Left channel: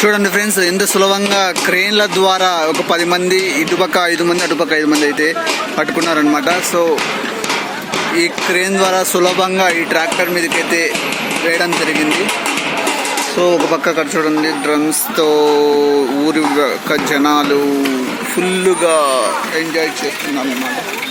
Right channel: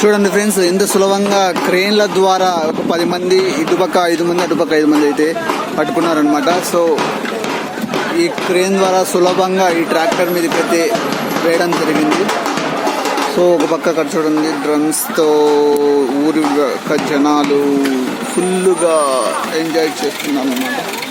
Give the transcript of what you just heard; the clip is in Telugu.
చూడండి ఫ్రెండ్స్, ఎంత సులభంగా క్రేన్ల ద్వారా ఒక 10 మంది ఇటుపక్క 5 మంది అటుపక్క 5 మంది అయితే పట్టుకున్నారనమాట. సో ఈ క్రేన్ ద్వారా సులభంగా ఈ ట్రాక్టర్ మీదకి అయితే వేయడం జరిగింది. సో ఒక పక్క అక్కడ చూడండి, డ్రమ్స్తో ఊరి జనాలు ఫుల్గా ఎంజాయ్ చేస్తున్నారు అన్నమాట.